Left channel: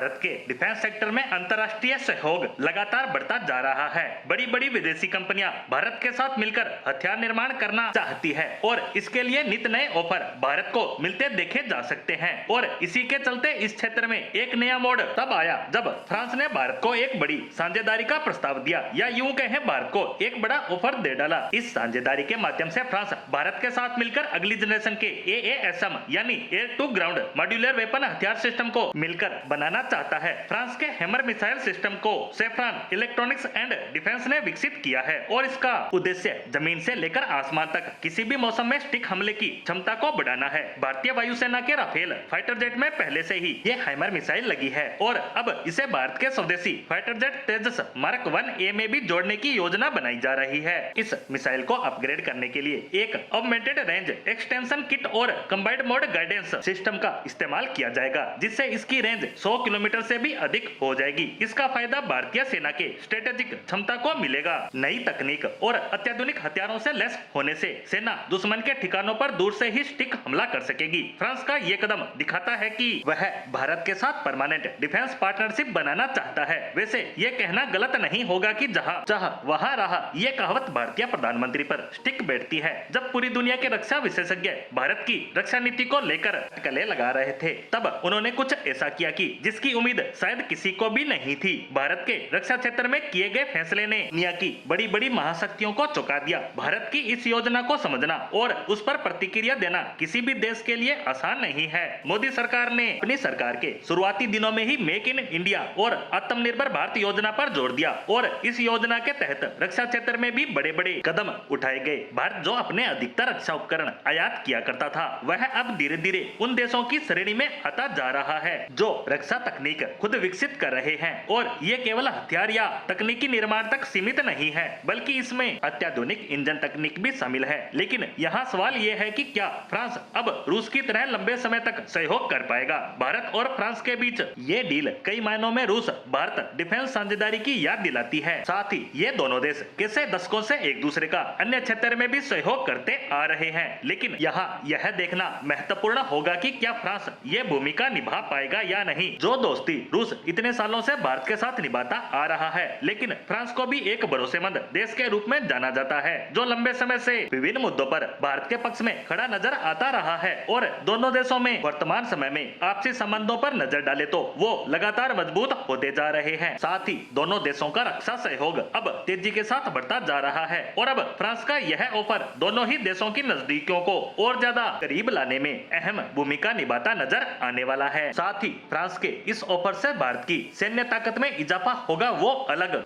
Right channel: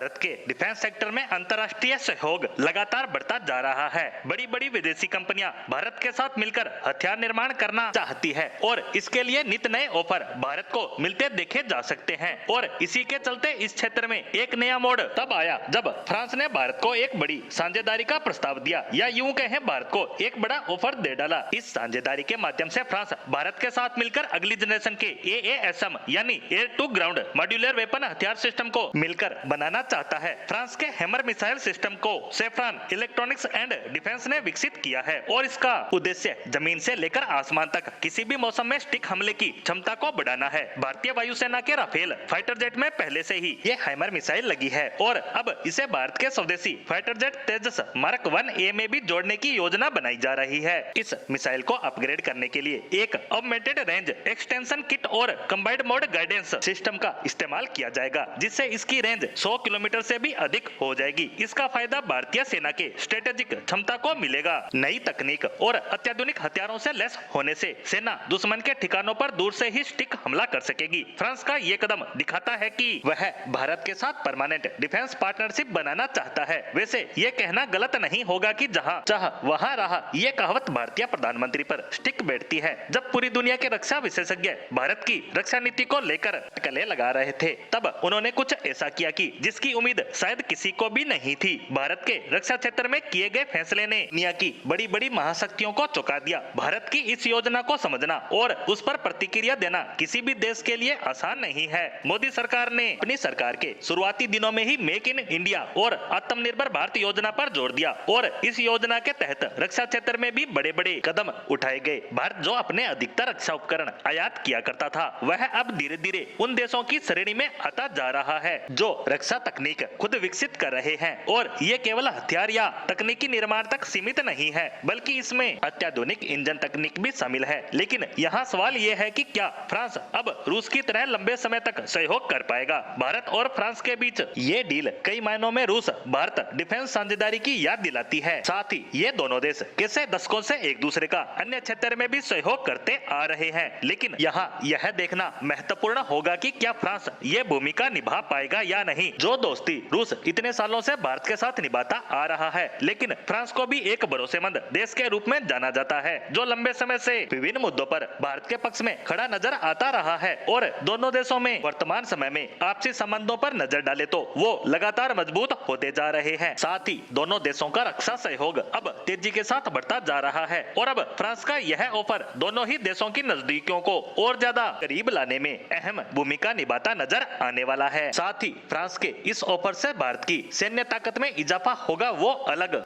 भारत के defence sector में अंतर्राष्ट्रीय सहयोग लगातार बढ़ता जा रहा है। बड़ी बड़ी विदेशी कंपनियां भारत के साथ मिलकर हथियार निर्माण करना चाहती है और इसके लिए नित नए ऑफर भारत को मिलते देखे जा सकते हैं। और इसी के चलते इस क्षेत्र में एक नया मोड़ तब आया जब फ्रांस ने भारत को एक बड़ी साझेदारी का प्रस्ताव दिया, या यूं कहें भारत को एक बड़ा ऑफर दे डाला। इस साझेदारी के माध्यम से फ्रांस भारत के साथ मिलकर अगली जनरेशन के AASM यानी air to ground modular weapon हथियार सिस्टम को मिलकर बनाना चाहता है। फ्रांस के हैमर मिसाइल सिस्टम को सेफ्रॉन इलेक्ट्रॉनिक्स एंड डिफेंस ने विकसित किया है और इसका उद्देश्य जमीन से लेकर आसमान तक किसी भी मौसम में स्टिक हमले की क्षमता को बढ़ाना है। भारतीय वायुसेना के राफेल फाइटर जेट में पहले से ही ये हैमर मिसाइल लगी है और अब इसे भारत के स्वदेशी फाइटर जेट तेजस मार्क 1A में भी जोड़ने की योजना बनाई जा रही है। इस मिसाइल को अपग्रेड करने के लिए एक ऑगमेंटेड रेंज एक्सटेंशन किट और कंबाइंड मोड गाइडेंस सिस्टम का इस्तेमाल किया जाएगा, जिससे इसकी रेंज 100 किलोमीटर से भी अधिक हो जाएगी। इसका फायदा भारतीय सेना के स्ट्रेटेजिक क्षमता को मिलेगा। नई तकनीक और अत्याधुनिक हथियारों से लैस होने से सेना दुश्मन के ठिकानों पर दूर से ही स्टिक हमला कर सकेगी। फ्रांस का ये कदम दिखाता है कि वह भारत के साथ परमानेंट डिफेंस पार्टनरशिप बनाना चाहता है। वैसे ये कहना गलत नहीं होगा कि जहाँ चाह वहाँ रहा, ये कहावत भारतीय प्रधानमंत्री पर स्टिक बैठती है। जब पूरी दुनिया के रक्षा विशेषज्ञ भारत की रक्षा नीति को लेकर अटकलें लगा रहे थे, तब उन्होंने कुछ ऐसा किया कि जिसकी उम्मीद शायद किसी को भी नहीं थी। भारत के रक्षा क्षेत्र में किए गए फैसले ने दुनिया की बड़ी बड़ी महाशक्तियों को चौंका दिया। भारत की इस योजना को समझना और उस पर प्रतिक्रिया देना किसी भी देश के लिए आसान नहीं है। मोदी सरकार ने अपनी सरकार के शुरुआती दिनों में ही मेक इन इंडिया और आत्मनिर्भर भारत योजना पर जोर दिया और इस योजना के तहत रक्षा क्षेत्र में भी बड़े बड़े कदम उठाए गए। भारत जो अपने अधिकतर रक्षा उपकरण आयात किया करता था, वह अब धीरे धीरे उन देशों की श्रेणी में आता जा रहा है जो रक्षा तकनीक खुद विकसित कर रहे हैं। और ये केवल हथियार या तकनीकी निर्माण तक सीमित नहीं है, बल्कि इसमें अत्याधुनिक इंजन तकनीक भी शामिल है। लेकिन यहाँ सवाल ये है कि क्या फ्रांस अब रूस की तरह लंबे समय तक सहयोग कर पाएगा। भारत और फ्रांस के बीच ये डील कई मायनों में रूस भारत डिफेंस साझेदारी की याद दिलाती है। साथ ही ये दोनों देश कैसे दशकों से एक दूसरे का अन्य क्षेत्र में भी सहयोग करते आ रहे हैं। लेकिन यहाँ यह देखना महत्वपूर्ण होगा कि क्या फ्रांस ये भूमिका निभा पाएगा या नहीं, जो दोस्ती रूस इतने सालों से भारत के साथ निभाता आ रहा है। लेकिन फ्रांस को भी एक भरोसेमंद देश के रूप में जाना जाता है, जो लंबे समय से विभिन्न मुद्दों पर भारत के पक्ष में खड़ा नजर आता रहा है। और दोनों देशों में वर्तमान समय में आपसी संबंधों पर नजर डाले तो वो लगातार मजबूत होते जा रहे हैं। साथ ही दोनों देशों का रक्षा सहयोग अब तेजी के साथ बढ़ता जा रहा है और अब फ्रांस का यह ऑफर दोनों ही देशों की नजदीकियों को और ज्यादा करीब लाने में अहम भूमिका निभाता नजर आने वाला है। साथ ही फ्रांस के इस ऑफर से भारत की सैन्य ताकत में इजाफा होगा, वो अलग।